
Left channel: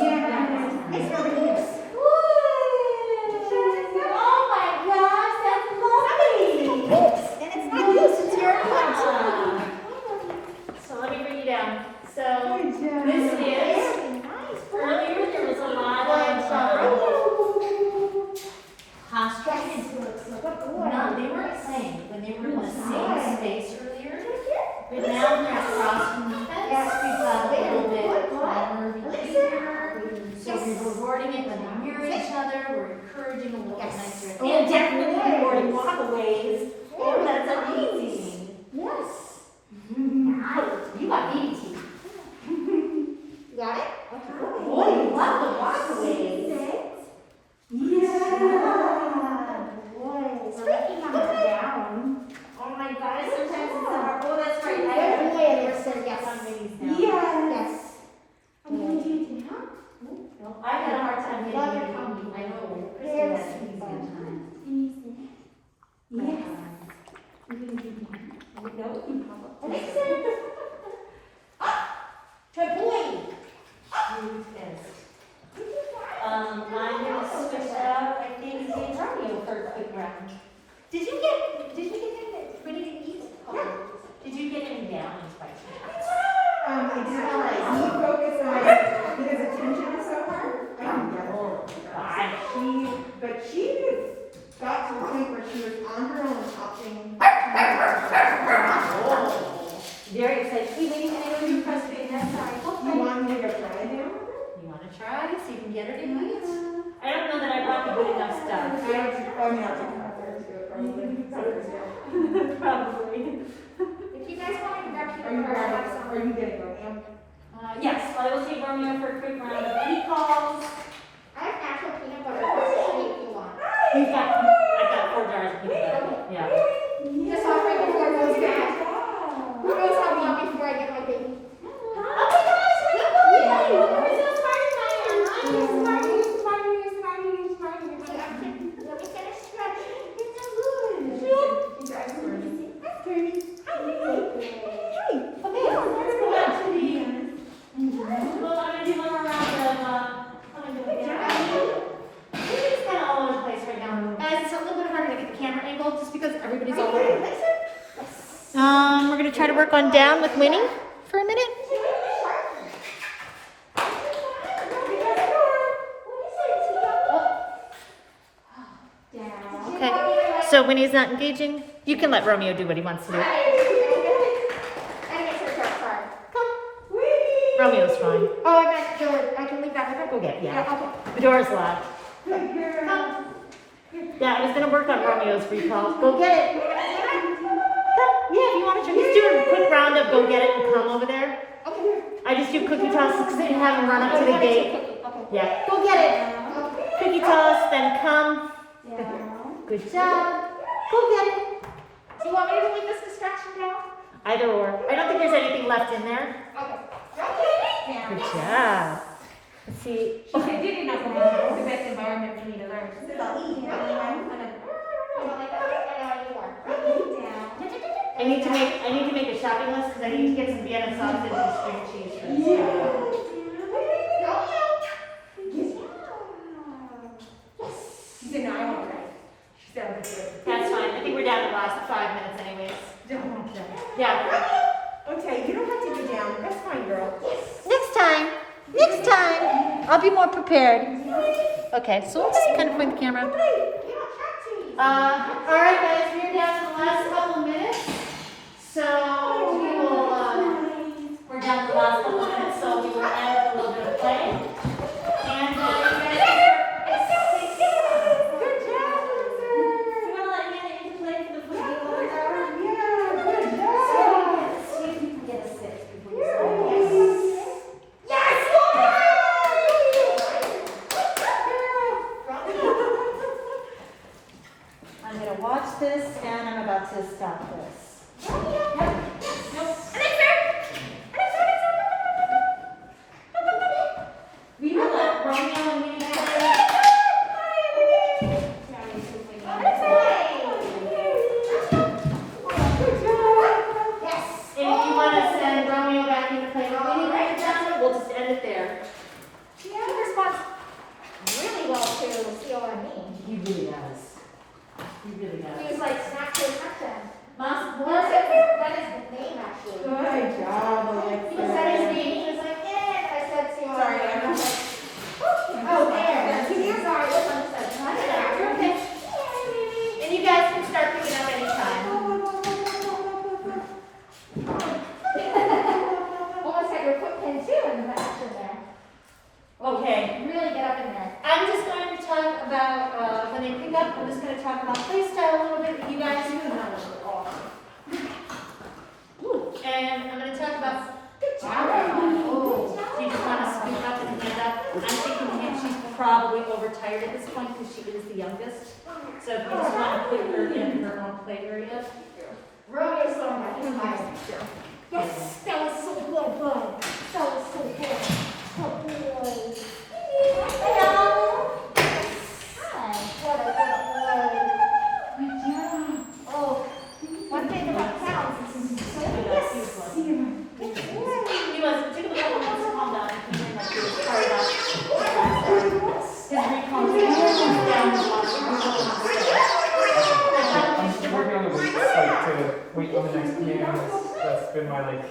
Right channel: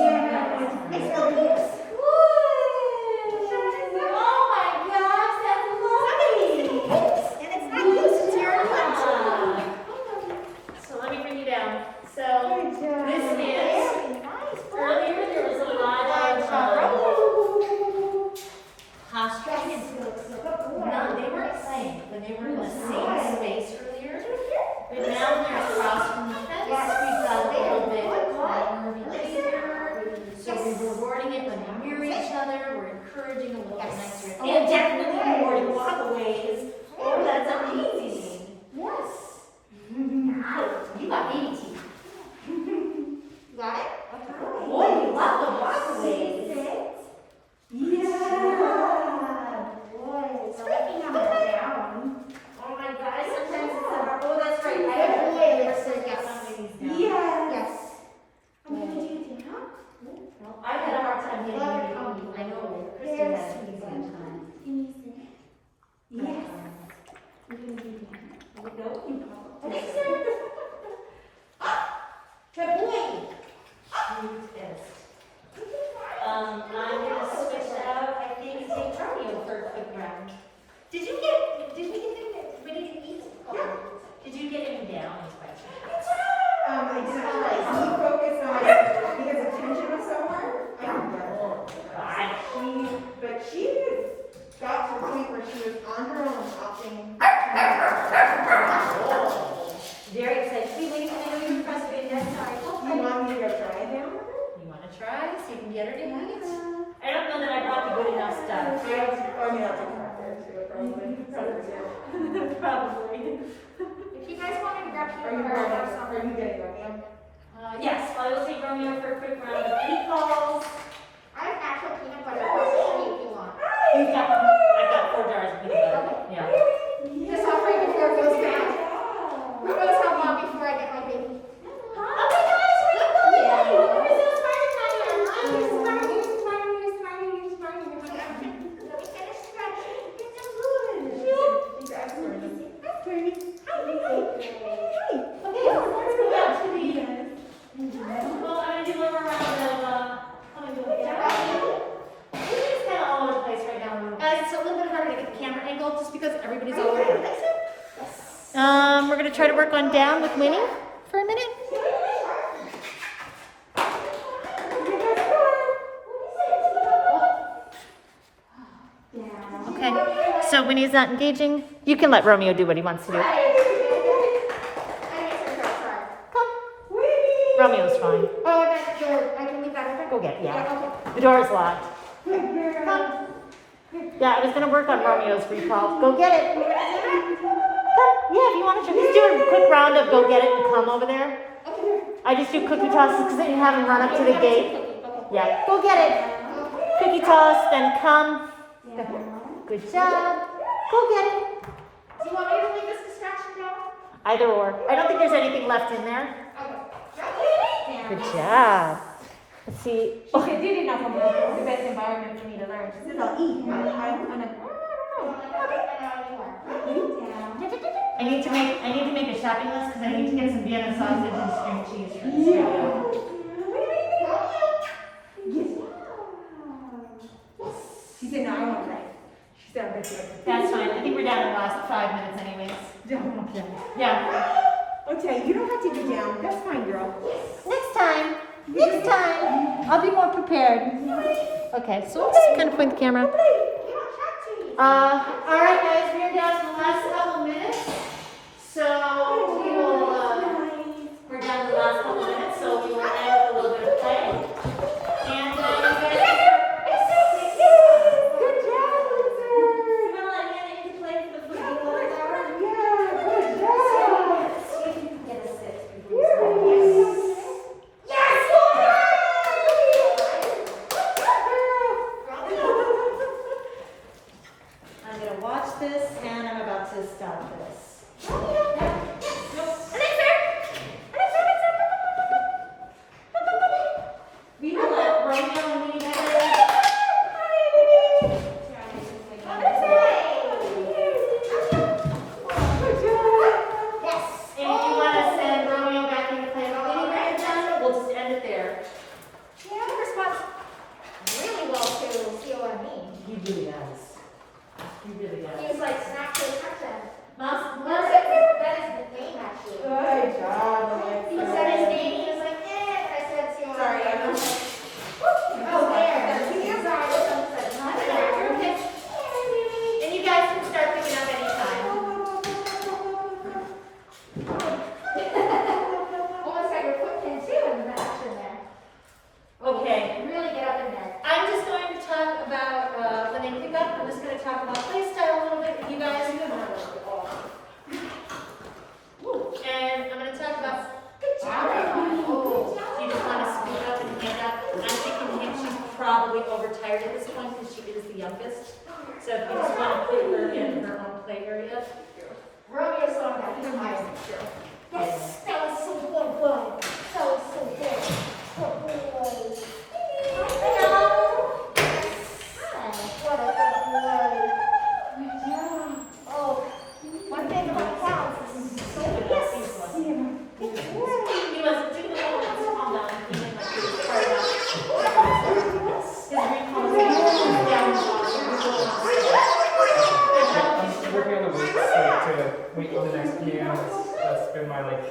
It's over here. Oh my gosh, that's lovely. And it's not loose, it's your cup. So let me bring you down. So Good job. this is, Very nice. earlier there was a lot of postures. No, they weren't playing, but when they were in the same space earlier, toddler across from the fence. We got a little bit calmer behavior. So we're rewarding it when we mirror each other. We're encouraging a little bit nicer. Oh, definitely rewarding walkaways. Oh, that's amazing. Yes. You got baby teeth. You got it? Boy, you love the walkaways. Yeah. Boy, Speaking of the down. Oh my God, sometimes it's a, oh, that's right. I Good have boy, Alyssa, yes. somebody's down. Yes. I'm gonna do it now. I've had a hard time getting Love rid it. of them. I know. Yes. That's easy sometimes. Yes. No. Alyssa. Good boy. Who's best? I'm gonna switch out, I think, Zay Romeo for a quick round. Did you get anything that we need to eat? Did you get any downs by chance? I did try. You focus on because attention was so hard. But she has got to the point where she was on her own opting. Very excited. Hey, lady, I know you pressed big next time. You want me to go try them? You wanna try so you can get her to eat? I don't know that I brought you good enough stuff. I mean, I'll take her there too, probably. Probably. If you guys want to grab Are you your ready? Are you gonna go now? Yes, I will take Romeo for a quick round of any calls. I have natural peanut butter. What's the shape you want? I've got 4 jars of peanut butter. Yeah. Just offer it before it goes bad. Who knows how long before I get my baby? Oh my gosh, good boy! You're so smart, Maya. You're smart, you're smart, you're smart, you're smart, you're smart. Let me finish stretching. You're so good. She's excellent. That's pretty. Okay, let's go back to the. Well, I'm gonna do one more round of. Everything's kind of all over the place right now. Guys, it's a little bit harder to get the camera angle just because everybody's all over. Okay. We're gonna try to work on down with Winnie for a minute. Okay, so Winnie's not engaging. You can let Romeo do what he wants to do. Romeo's fine. Oh, I meant I can leave that with her? Go get it, yeah. Okay. The door's locked. Come. Yeah, I was gonna work on Romeo's recall. Go get it. Come. Yeah, if you want to. Just do a quick round of go get it and come over there. Okay. I just do cookie tosses because I didn't have him run up to the gate. Okay. Yeah, go get it. Cookie toss, then come. Good job. Go get it. Do you want me to leave this distraction down? Either or. I don't think there's anything left in there. Okay. Good job. Let's see. She said you didn't know from the best environment for me to learn. She said I'll eat, but I'm gonna. I need to make a shopping list because I need to get some Vienna sausage and string cheese for this. She said no, I won't play. She said I'm gonna do it. That's fine. I think we're down in the last 5 minutes anyways. Okay. Yeah. Okay, you don't have to get down. That's fine, girl. Next time. Next time. I'll be more prepared. Okay, so let's just kind of point the camera. All right, guys, we're down to the last couple of minutes. So we will, we're down to the last couple of minutes, so we will end with a little bit of play. And then we're going to let Hannah play for the football hour. See if you can get a sit before you start. I'm going to watch this and I'm about to stop this. We will let Romeo and Minnie play. And if you want to send Romeo back in to play with Minnie right now, we'll just end it there. She responds really well to COME. He really does. He really He does. was like, snap to attention. Awesome. That is the name, actually. Good job, He Alexa. said his name, he was like, I said COME. Sorry, I'm not. Oh, there. Sorry, that's understood. That's right. You're okay. And you guys can start picking up anytime. up, I'm just gonna talk about play style a little bit with you guys. And I'm gonna talk about. Oh, do you just want to speak up and get up? I'm thinking that she's probably overtired at this point because she is the youngest. So if you just want to put her in her own play area. Rodeo's so tired. Yes, that was so good, bud. That was so good. So good. Hello. Hi. What a good boy. Oh, one thing about cows is so yes. He was took a couple minutes to calm down. He came in like he was fired up. His recall was down the I'm working on the weights, like to wait on the next command. That's been my like.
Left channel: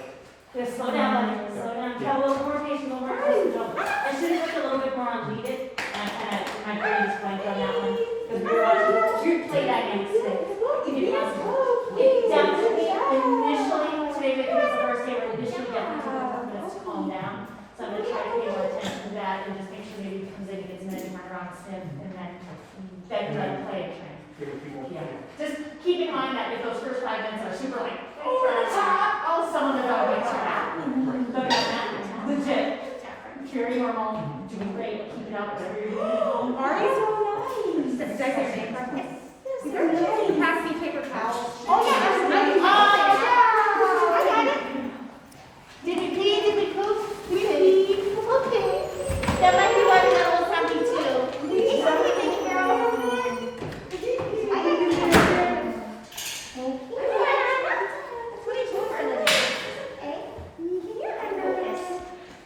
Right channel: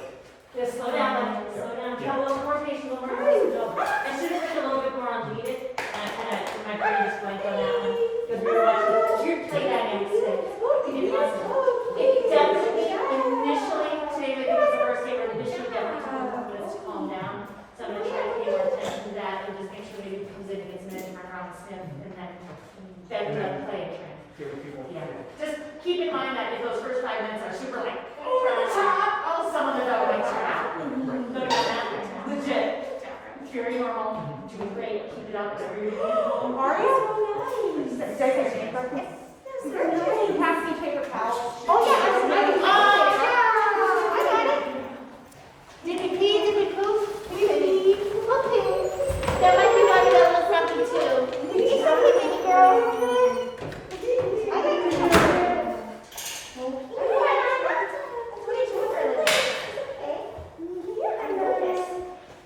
Just slow down, slow down. Yeah. A little more rotation, a little more rotation. I should have worked a little bit more on lead it. And I kind of, my brain just went on that one. Because we were watching your play dynamics today. You did awesome. It definitely, initially, today I think was the first day where initially definitely took a couple minutes to calm down. So I'm going to try to pay more attention to that and just make sure maybe he comes in and gets an around sniff and then play and train. Give people. Yeah. Just keep in mind that if those first 5 minutes are super like, over the top, oh, some of the dog bites are out. Look at that. Legit. Very normal. Doing great. Keep it up. Whatever you're doing. Are you so nice? Pass me paper towels. Oh,